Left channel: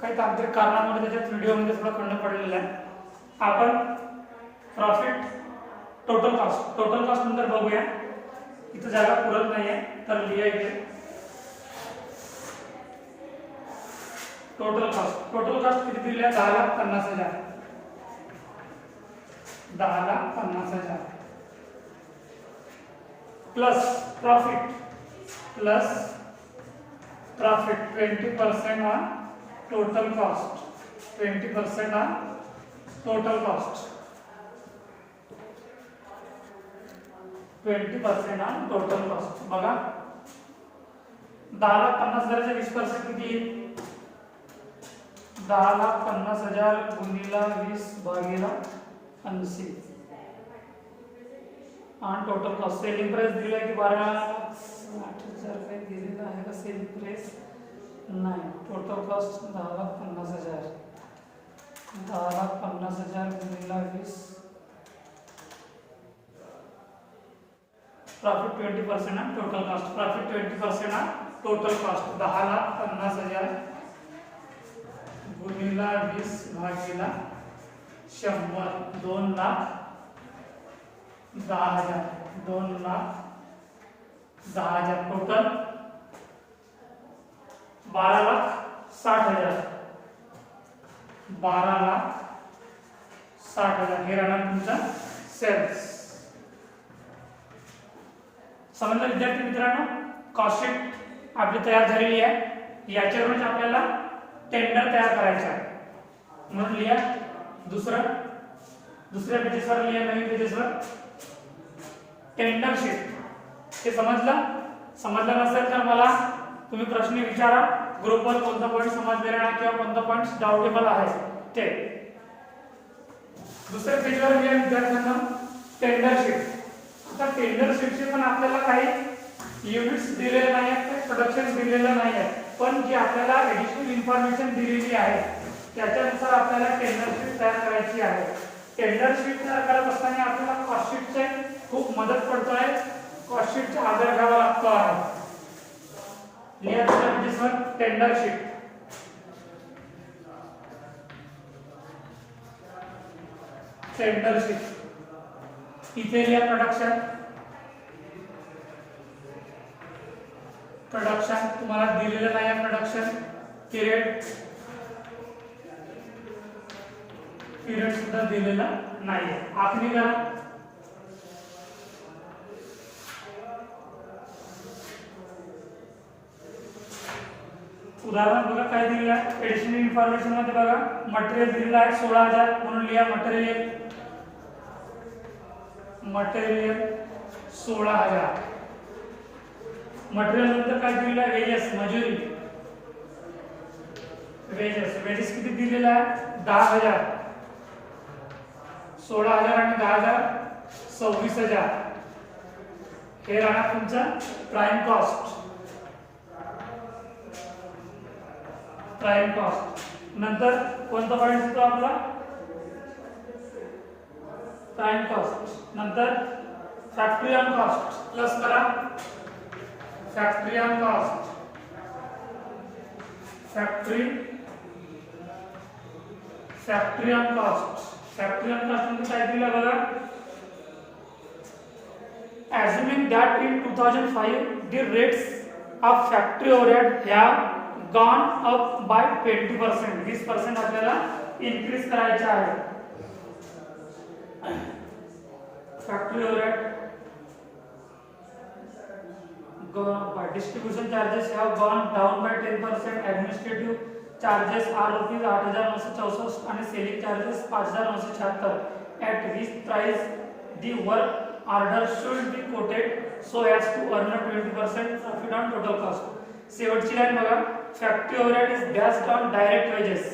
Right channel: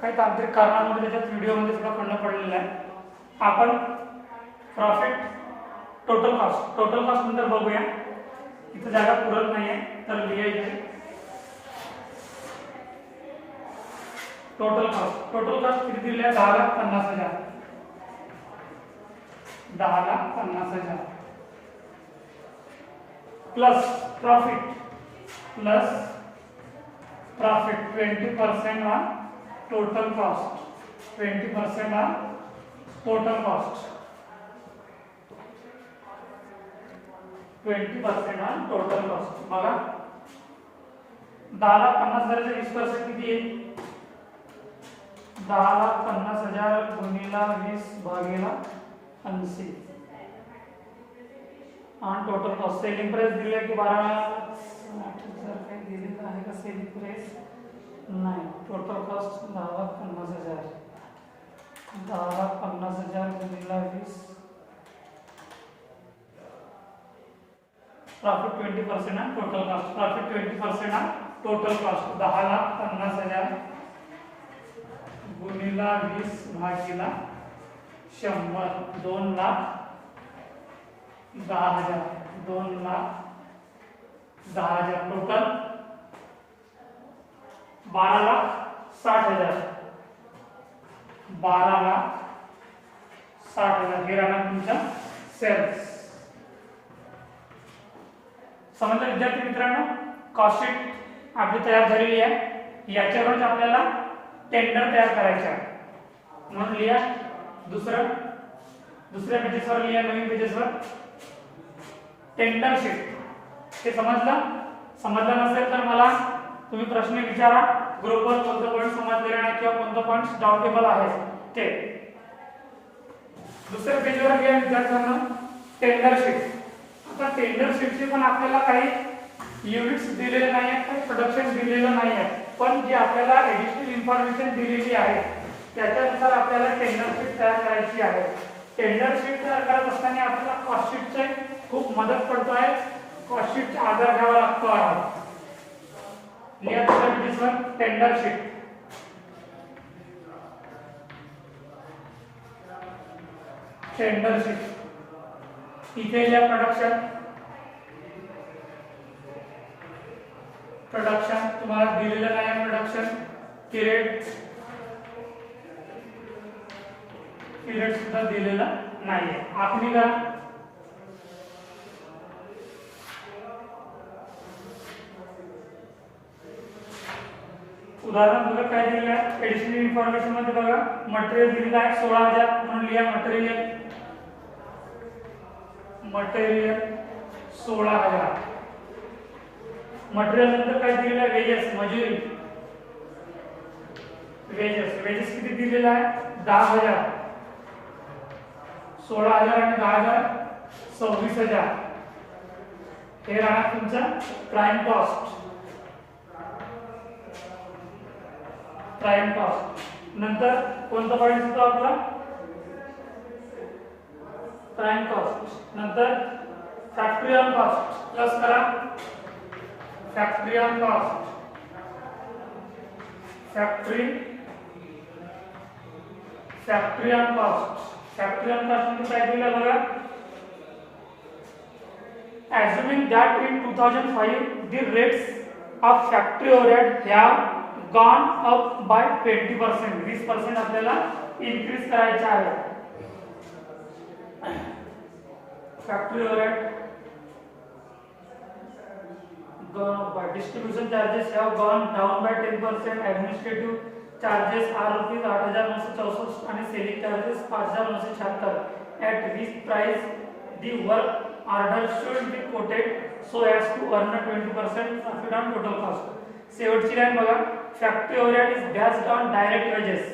काही तांत्रिक कारणामुळे त्याच्यात व्हिडिओमध्ये थोडा खंड पडलेला आहे. आपण प्रॉफिट टोटल कॉस्ट नंतर बघूया. इथं जागा पुरत नाही आहे तर लिहा इथे टोटल कॉस्ट किती दिली आहे? 10,50,000. 10,50,000 plus profit 20% on total cost. 20% on total cost. 20% on total cost. बघा 10,50,000चे 20% किती आहे? 10,50,000 गुणिला 20 भागिला 80 आणि टोटल कॉस्ट. सेलिंग प्राइस दिली की 12,60,000 काही दिलेलं आहे का? सेलिंग प्राइस नाही. Total cost 10,50,000. 10,50,000 गुणिला 20 profit 20% on total cost. Profit 20% on total cost. 10,50,000 गुणिला 20 भागिला 100. 2,10,000. 2,10,000 total 12,60,000. 12,60,000 हे राहणार तुमचा सेल्स. समजलं विद्यार्थी मित्रांनो? कॉस्ट शीट आपली तयार झालेली आहे. याच्यावरच आपल्याला टेंडर तयार करायचं आहे. म्हणून लिहा दुसऱ्या पेजेसवर लिहा. नवीन पेजेसवर टेंडर शीट. हे समजलं नसेल तर मला तुम्ही प्रश्न विचारा ग्रुपवर. कोणतं पॉईंट समजलेलं नाही किंवा कोणतं पॉईंट डाउटेबल आहे ते. दुसऱ्या पेजवर लिहा विद्यार्थ्यांना टेंडर शीट. आता टेंडर शीटचे पण आपल्याला काही युनिट्स दिलेले नाही आहेत, काही प्रोडक्शन दिलेलं नाही आहे, पण जे आपल्याला ऍडिशनल इन्फॉर्मेशन दिलेली आहे त्याच्यानुसार आपल्याला टेंडर शीट तयार करायची आहे. टेंडर शीट तयार करत असताना आपल्याला कॉस्ट शीटचे खूप मदत पडतो आहे. कॉस्ट शीटचा आधार घ्यावा लागतो आहे. लिहा दुसऱ्या पेजवर टेंडर शीट. टेंडर शीट इथे लिहा प्रोडक्शन तुम्हाला दिलेलं नाही आहे. प्रोडक्शन पिरियड सुद्धा दिलेला नाही आहे. आखणी करा. उदाहरण बघा काय दिलेलं आहे. एडिशनल इन्फॉर्मेशन मध्ये बघा मटेरियल दिलेलं आहे 16,000 म्हणून लिहा मटेरियल 16,000. मटेरियल नंतर काय दिलेलं आहे? वेजेस मजुरी. वेजेस किती दिलेला आहे? 10,000. 16,000 आणि 10,000 26,000. हे राहणार तुमचा प्राइम कॉस्ट. नंतर कोणता पॉईंट येतो आपला? Prime cost. नंतर फॅक्टरी ऑन कॉस्ट प्लस करा. फॅक्टरी ऑन कॉस्ट म्हणजे काय दिलं बघा. Assuming that in 2005 the rates of factory overhead have gone up by 20%. 20% आपल्याला इन्क्रीज करायचे आहे. Factory overhead distribution charges have gone down by 10%. Administrative charges are rupees 8,964 and selling charges 5,976. At which price the work order should be quoted so as to earn a 20% profit on total cost. शेवटची line बघा. Factory overhead is based on direct wedges.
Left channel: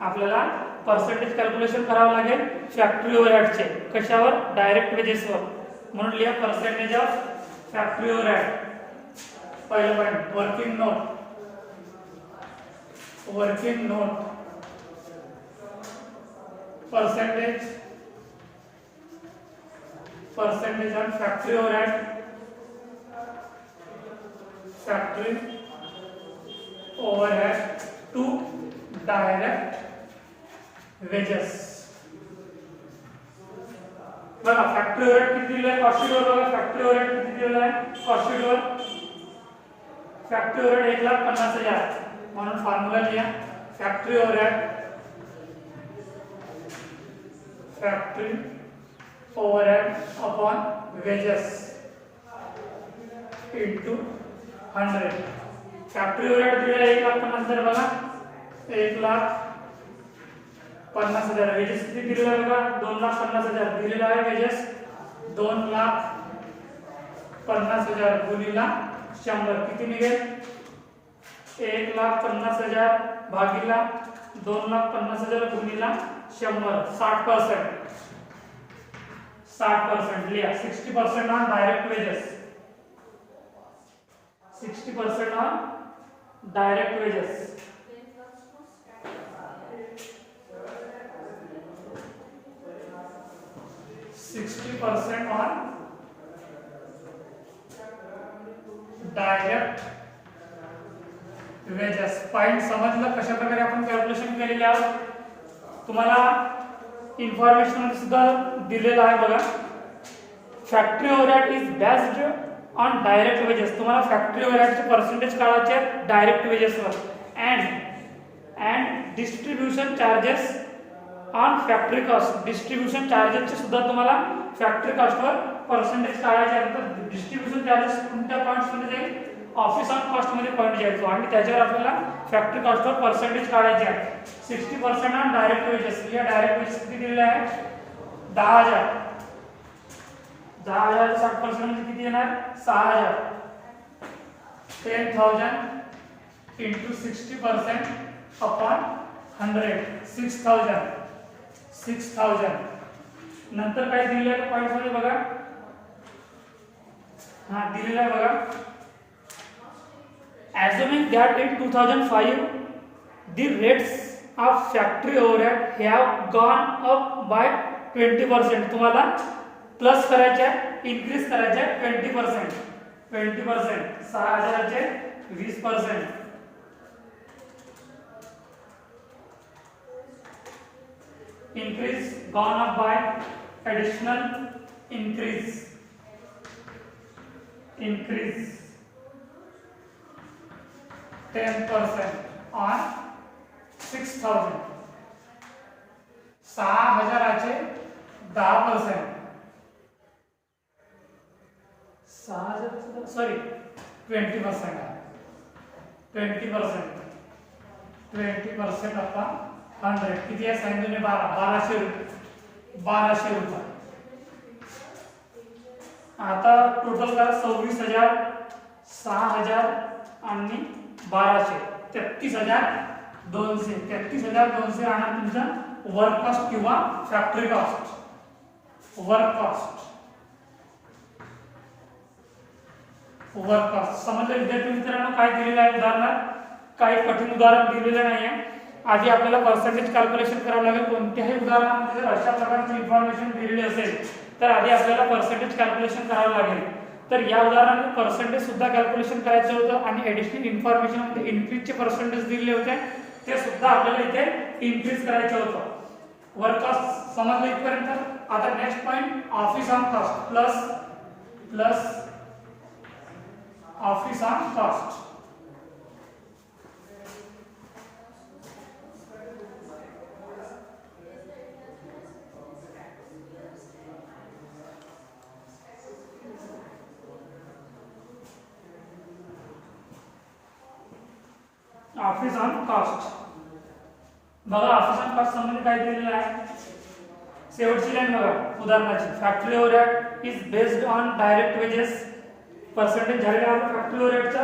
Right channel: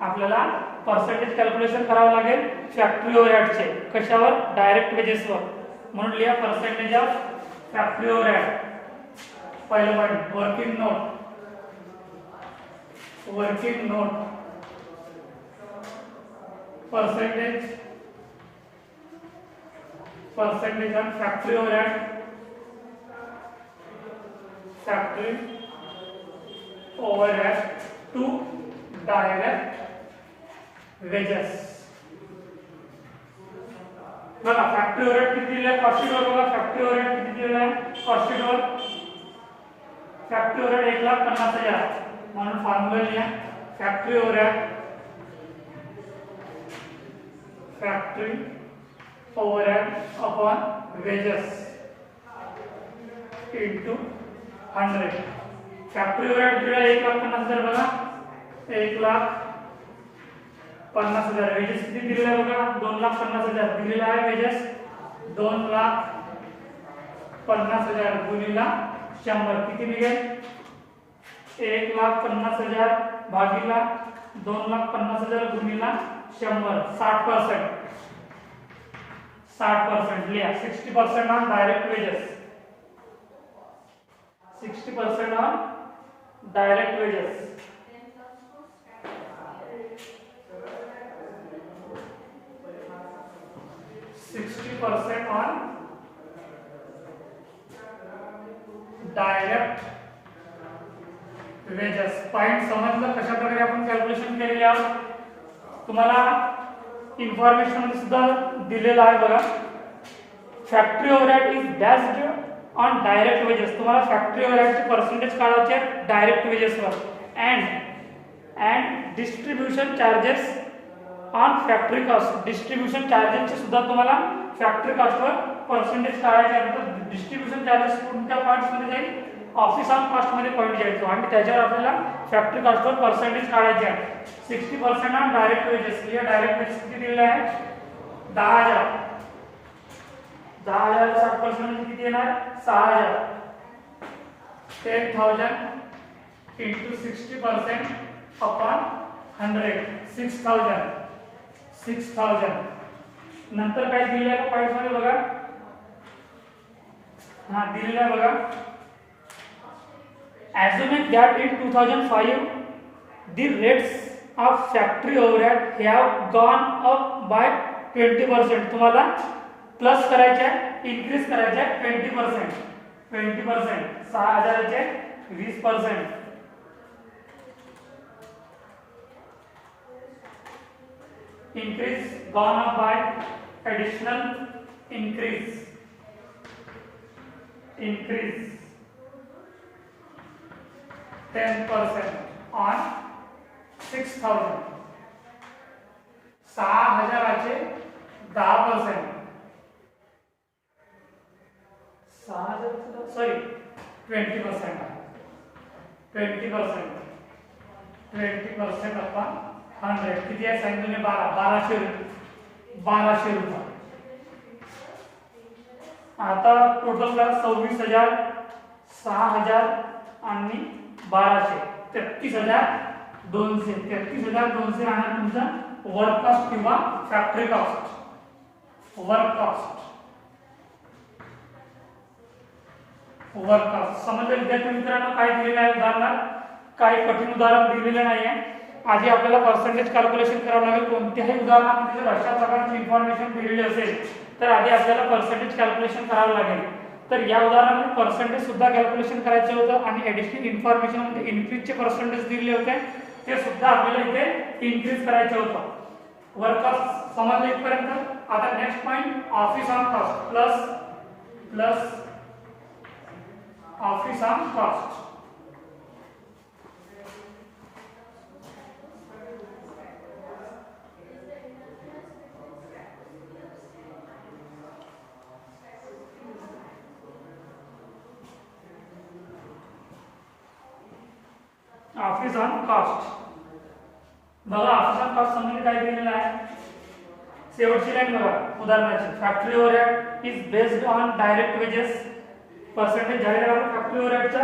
आपल्याला percentage calculation करावं लागेल factory ओव्हरहेडचे. कशावर? Direct वेजेसवर. म्हणून लिहा percentage of factory overhead. पहिलं point working note percentage on factory overhead to direct wedges. बघा फॅक्टरी ओव्हरहेड किती दिलेलं आहे, कॉस्ट शीटवर बघा फॅक्टरी ओव्हरहेड किती दिलेलं आहे, कॉस्ट शीटवर फॅक्टरी ओव्हरहेड 1,50,000 म्हणून फॉर्म्युला लिहा. Factory overhead upon wedges into 100. Factory overhead दिलेला 1,50,000 बघा, 1,50,000. वेजेस किती दिलेला आहे बघा, 2,50,000 दिलेला आहे वेजेस. 2,50,000 गुणिला 100 किती निघेल, 1,50,000 भागिला 2,50,000 गुणिला 100 60%. 60% लिहा. 60% on direct wedges, 60% on direct wedges. 60% on direct wedges. Point समजलं कशा प्रकारे आपण कॅल्क्युलेशन केलेले आहोत. तुम्हाला इन्फॉर्मेशन मध्ये सुद्धा दिलेलं आहे बघा. Factory overhead is based on direct wages. तुम्हाला फॅक्टरी ओव्हरहेडचे पर्सेंटेज काढायचे डायरेक्ट वेजेसवर. And distribution charges on factory cost. Distribution चार्जेसचे सुद्धा तुम्हाला फॅक्टरी कॉस्टवर पर्सेंटेज काढायचे आहे. तर डिस्ट्रीब्युशन चार्जेस कोणत्या पॉईंट्समध्ये जाईल, ऑफिस ऑन कॉस्टमध्ये पॉईंट घ्यायचो आणि त्याच्यावर आपल्याला फॅक्टरी कॉस्टवर पर्सेंटेज काढायचे आहे. 60% ऑन डायरेक्ट वेजेस. या डायरेक्ट वेजेस किती दिलेले आहे, 10,000. 10,000 60% म्हणजे किती येणार, 6,000. 10,000 इंटू 60% अपॉन 100 6,000. 6,000. नंतर काय दिलेलं आहे पॉईंट मध्ये बघा, हा दिलेलं आहे बघा. Assuming that in 2005 the rates of factory overhead have gone up by 20%. तुम्हाला प्लस करायचे, इन्क्रीज करायचे 20%. 6,000 चे 20%. Increase gone up by additional increase 10% on 6,000. 6,000 10%. 6,000 sorry 20% आहे. 20% अपॉन 100 किती आहे सांगितले, 1200 रुपये. आता टोटल करा 26,000, 6,000 आणि 1200 33,200. 33,200 राहणार तुमचा वर्क कॉस्ट किंवा फॅक्टरी कॉस्ट. वर्क कॉस्ट समजलं विद्यार्थी मित्रांनो. काय दिलेलं आहे उदाहरणात, काही कठीण उदाहरण दिलेलं नाही आहे. आधी आपल्याला पर्सेंटेज कॅल्क्युलेशन करावं लागेल. कोणत्याही उदाहरणामध्ये जर अशा प्रकारची इन्फॉर्मेशन दिलेली असेल तर आधी आपल्याला पर्सेंटेज कॅल्क्युलेशन करावं लागेल. तर या उदाहरणामध्ये पर्सेंटेज सुद्धा कॅल्क्युलेशन करायचं होतं आणि ॲडिशनल इन्फॉर्मेशन मध्ये इन्क्रीजचे पर्सेंटेज दिलेले होते ते सुद्धा आपल्याला इथे इन्क्रीज करायचे होतं. वर्क कॉस्ट समजलं इथपर्यंत. आता next point, office on cost plus office on cost. Office on cost बघा. ऑफिस ऑन कॉस्ट संबंधित काय दिलेलं आहे, शेवटची लाईन बघा उदाहरणाची. Factory overhead is based on direct wages. Percentage झालेल्यावर फॅक्टरी ओव्हरहेडचा.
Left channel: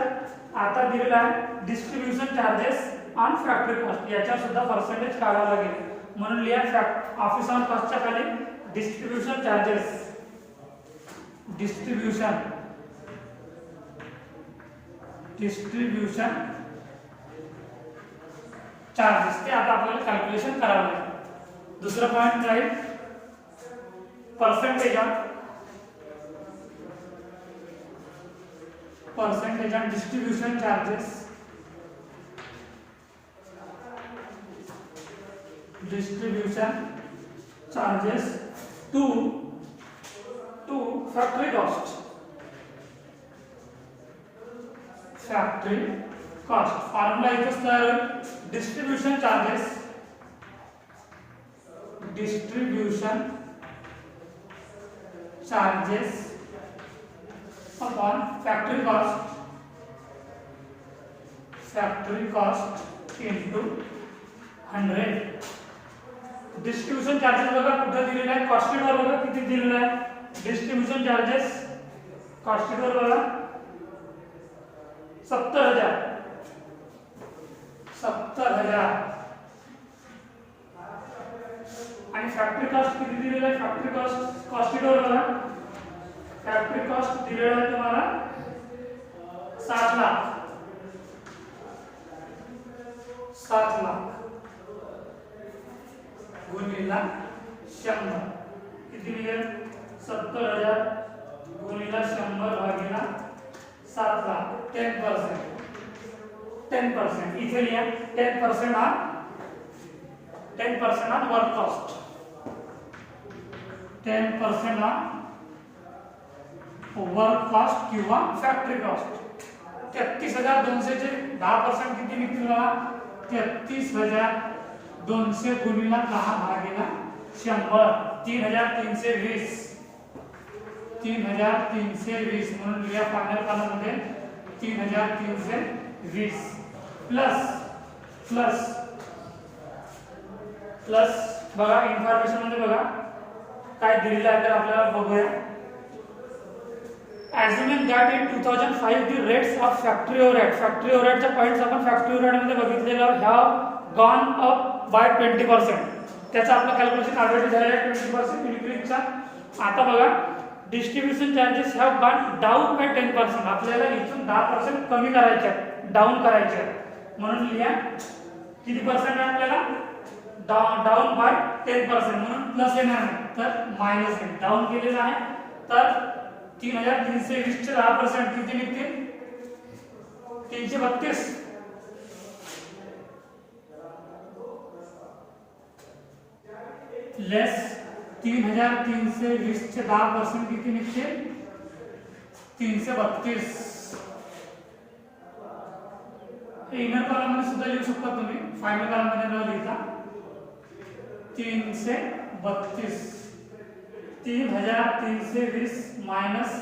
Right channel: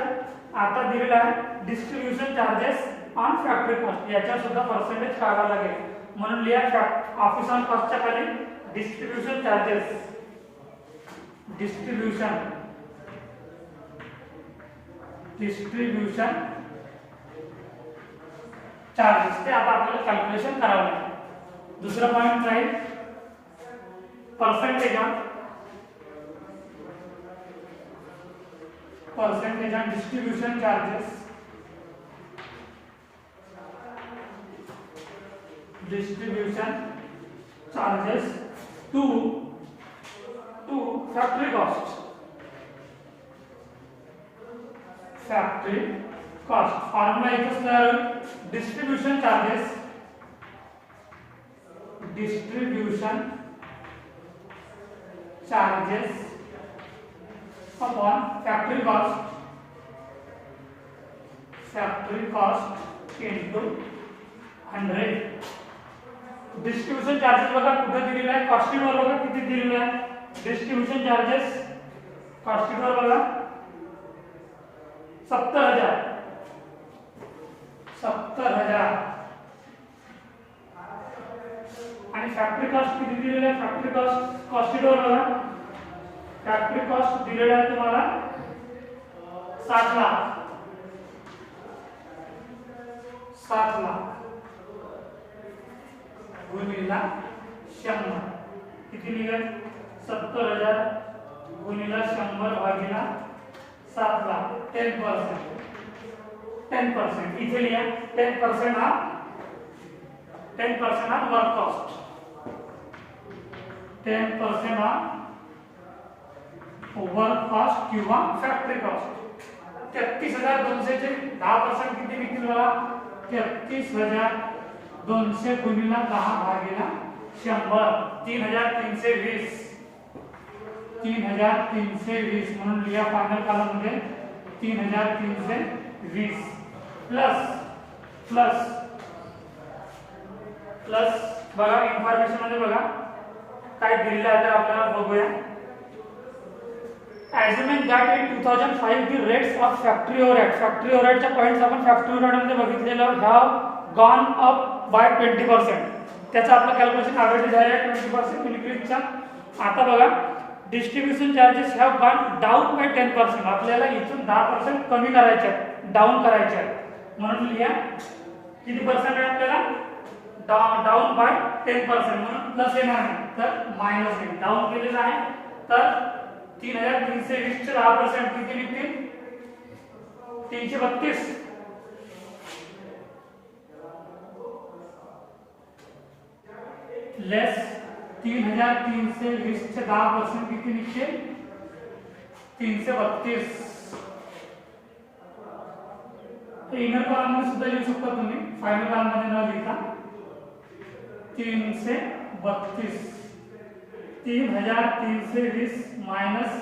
आता दिलेला आहे distribution charges on factory cost. याच्यावर सुद्धा पर्सेंटेज काढावा लागेल. म्हणून लिहा ऑफिस ऑन कॉस्टच्या खाली डिस्ट्रीब्युशन चार्जेस. डिस्ट्रीब्युशन चार्जेस ते आता आपल्याला कॅल्क्युलेशन करावं लागेल. दुसरा पॉइंट राहील percentage on distribution charges distribution charges to factory cost. Factory cost formula इथंच तयार होईल. distribution charges upon factory cost into 100. Distribution charges बघा कुठे दिलेला आहे, कॉस्ट शीट वर बघा किती दिलेला आहे. डिस्ट्रीब्यूशन चार्जेस कॉस्ट शीट वर बघा 70,000 आणि फॅक्टरी कॉस्ट किती दिलेला आहे. फॅक्टरी कॉस्ट शीट वर बघा फॅक्टरी कॉस्ट दिलेला आहे तुम्हाला 7 लाख गुणिला 100 किती निघेल. 70,000 गुणिला 100 भागिला 7 लाख. 10% इथे लिहा. 10% हा वर्क कॉस्ट. 10% हा वर्क कॉस्ट किंवा फॅक्टरी कॉस्ट. 33,200 चे 10% किती निघतील बघा. 33,200 गुणिला 10 भागिला 100 3,320 म्हणून लिहा फायनल कॉलम मध्ये 3,320 प्लस बघा इन्फॉर्मेशन मध्ये बघा काय दिलेलं आहे तर आपल्याला बघूया. Assuming that in 2005 the rates of factory overhead च्या पॉइंट्स आपण फॅक्टरी ओव्हरहेड मध्ये बघितलेलं have gone up by 20%. त्याचा आपलं कॅल्क्युलेशन ऑलरेडी झालेलं आहे 20% इनक्रीजचा. आता बघा distribution charges have gone down by 10%. आपल्याला इथून 10% कमी करायचे आहेत, डाऊन करायचे आहेत. म्हणून लिहा किती पर्सेंट आहे आपल्याला. डाऊन बाय 10% म्हणून प्लस येणार नाही तर मायनस येईल. डाऊन केलेलं आहे तर 3,320 चे 10% किती निघतील 332. लेस 3,320 चे 10% किती निघतील 332. इनर कॉलम मध्ये सुद्धा लिहू शकता तुम्ही, फायनल कॉलम मध्ये न लिहिता. 332 3,320 मायनस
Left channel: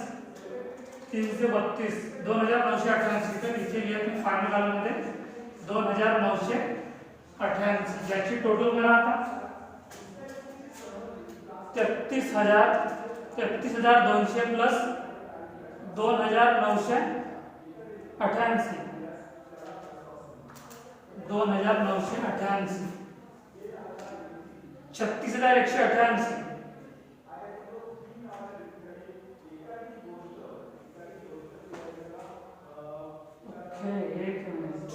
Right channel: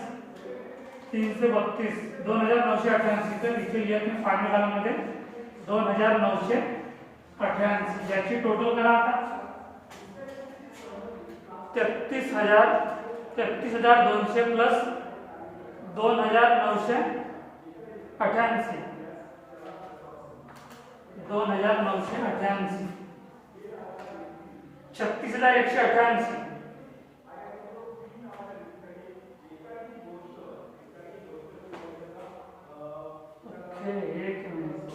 332 2,988. तर इथे लिहा तुम्ही फायनल कॉलम मध्ये 2,988. याची टोटल करा आता 33,200 प्लस 2,988 36,188. एक मिनिट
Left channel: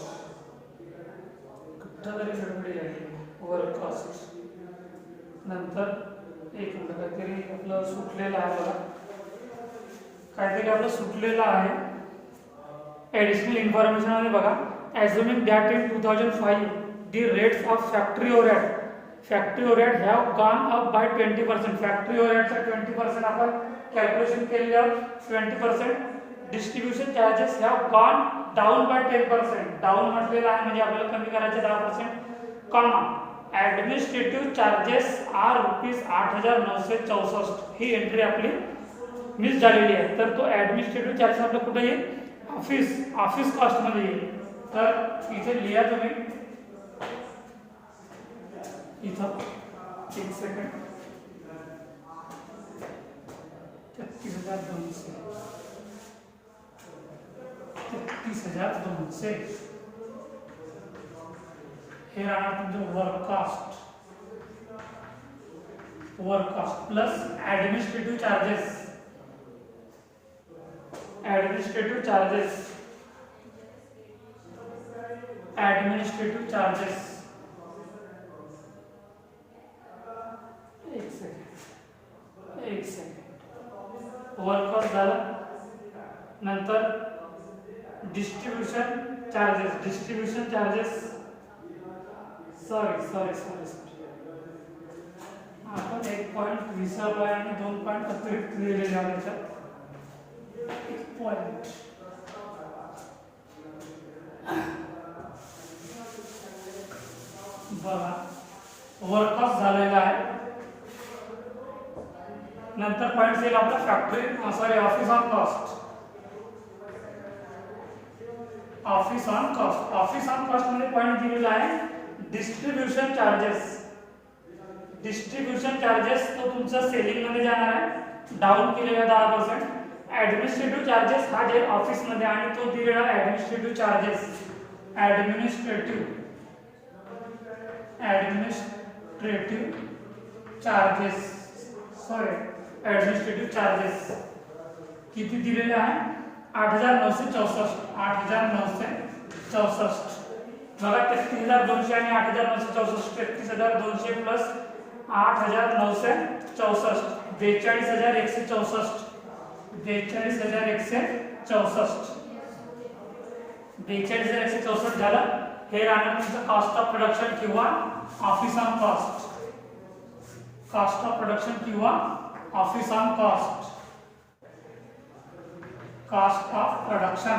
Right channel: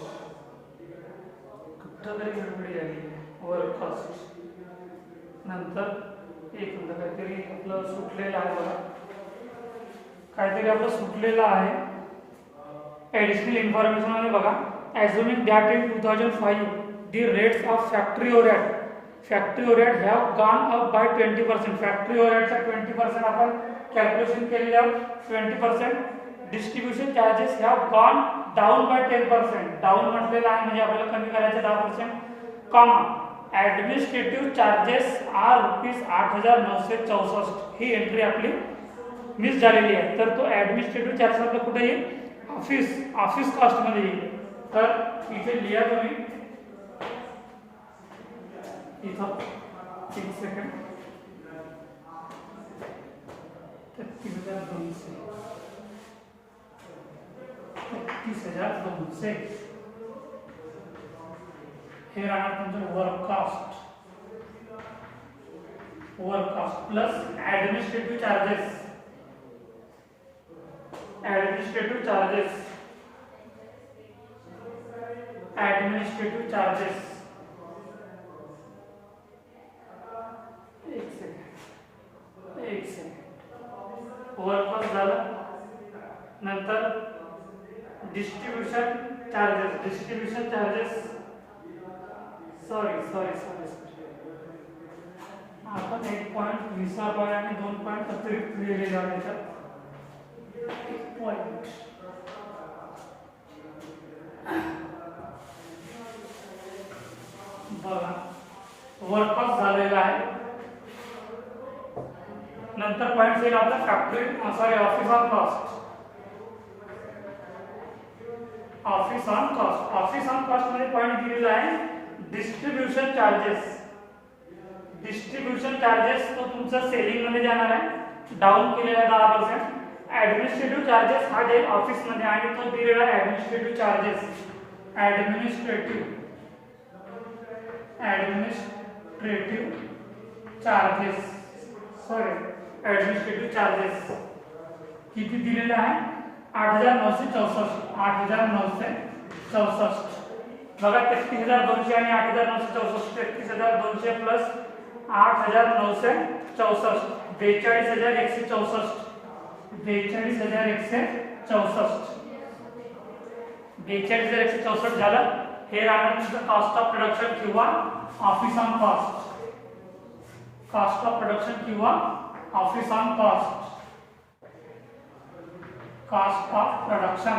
कुठं तरी गडबडी झाली. वर्क कॉस्ट नंतर एक मिनिट काहीतरी आपलं सुटलेलं आहे बघा. काहीतरी आपलं सुटलेलं आहे ॲडिशनल इन्फॉर्मेशन मध्ये बघा. Assuming that in 2005 the rates of factory overhead have gone up by 20%. Factory ओव्हरहेडचा 20% आपण कॅल्क्युलेशन केलेलं 20%. Distribution charges have gone down by 10%. Down म्हटलेलं आहे म्हणजे आपल्याला कमी करायचे 10%. Comma administrative charges are ₹8,964. ही एंट्री आपली मिस झालेली आहे. तर तो ॲडमिनिस्ट्रेटिव्ह चार्जेस आपलं कुठे येईल ऑफिस कॉस्ट मध्ये येईल. तर इथे लिहा तुम्ही इथं एक सेकंड 33,200 हे राहणार तुमचं work cost plus administrative charges एक सेकंड वर्क कॉस्ट झालं. नंतर डिस्ट्रीब्यूशन चार्जेस सॉरी आपण 1 पॉईंट विसरलो आणि 2 पॉईंट अतिरिक्त लिहिलेले आहेत. 1 पॉईंट बघा वर्क कॉस्ट झालेला आहे. नंतर पॉईंट येईल आपला factory sorry office on cost. Office on cost, office on cost मध्ये पॉईंट दिलेला आहे डिस्ट्रीब्यूशन चार्जेस. डिस्ट्रीब्यूशन चार्जेस तो तुमचा सेलिंग मध्ये जाणार आहे, डाऊन केलेला 10%. ऍडमिनिस्ट्रेटिव्ह चार्जेस हा जे ऑफिस मध्ये आणि तो दिलेला administrative charges, administrative charges administrative charges किती दिलेला आहे 8,964. 8,964 बघा 33,200 आणि 8,964. 33,200 प्लस 8,964 42,164. 42,164 झालं. हे राहणार तुमचं कॉस्ट ऑफ प्रोडक्शन किंवा office on cost. Cost of production किंवा office on cost. Cost of production,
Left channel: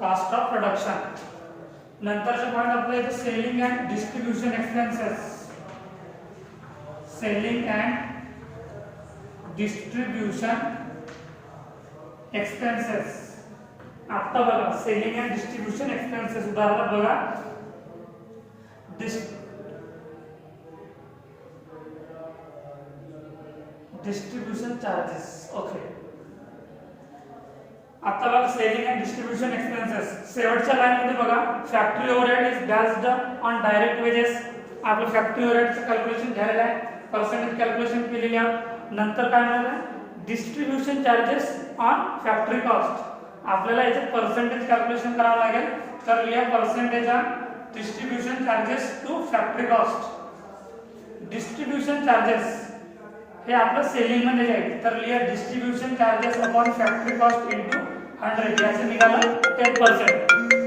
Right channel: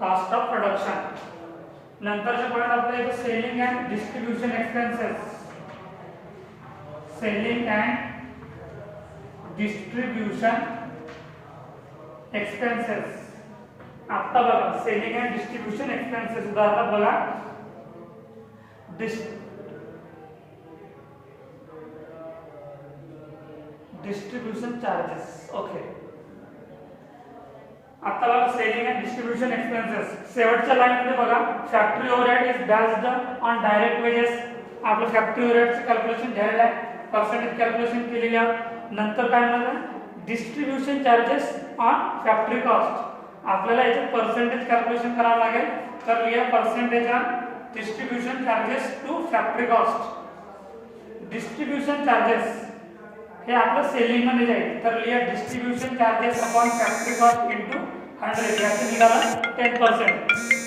cost of production. नंतरचे पॉइंट आपला येतो selling and distribution expenses. Selling and distribution expenses. आता बघा सेलिंग अँड डिस्ट्रीब्यूशन एक्सपेन्सेस उदाहरण बघा distribution charges. Okay आता बघा सेलिंग अँड डिस्ट्रीब्यूशन एक्सपेन्सेस शेवटच्या लाईन मध्ये बघा factory overhead is based on direct wages. आपलं फॅक्टरी ओव्हरहेडचं कॅल्क्युलेशन झालेलं आहे, पर्सेंटेज कॅल्क्युलेशन केलेली आहे. नंतर काय म्हणाला distribution charges on factory cost. आपल्याला याचे पर्सेंटेज कॅल्क्युलेशन करावं लागेल, तर लिहा percentage on distribution charges to factory cost. Distribution charges हे आपलं सेलिंग मध्ये जाईल, तर लिहा distribution charges upon factory cost into 100. याचं निघालं 10%.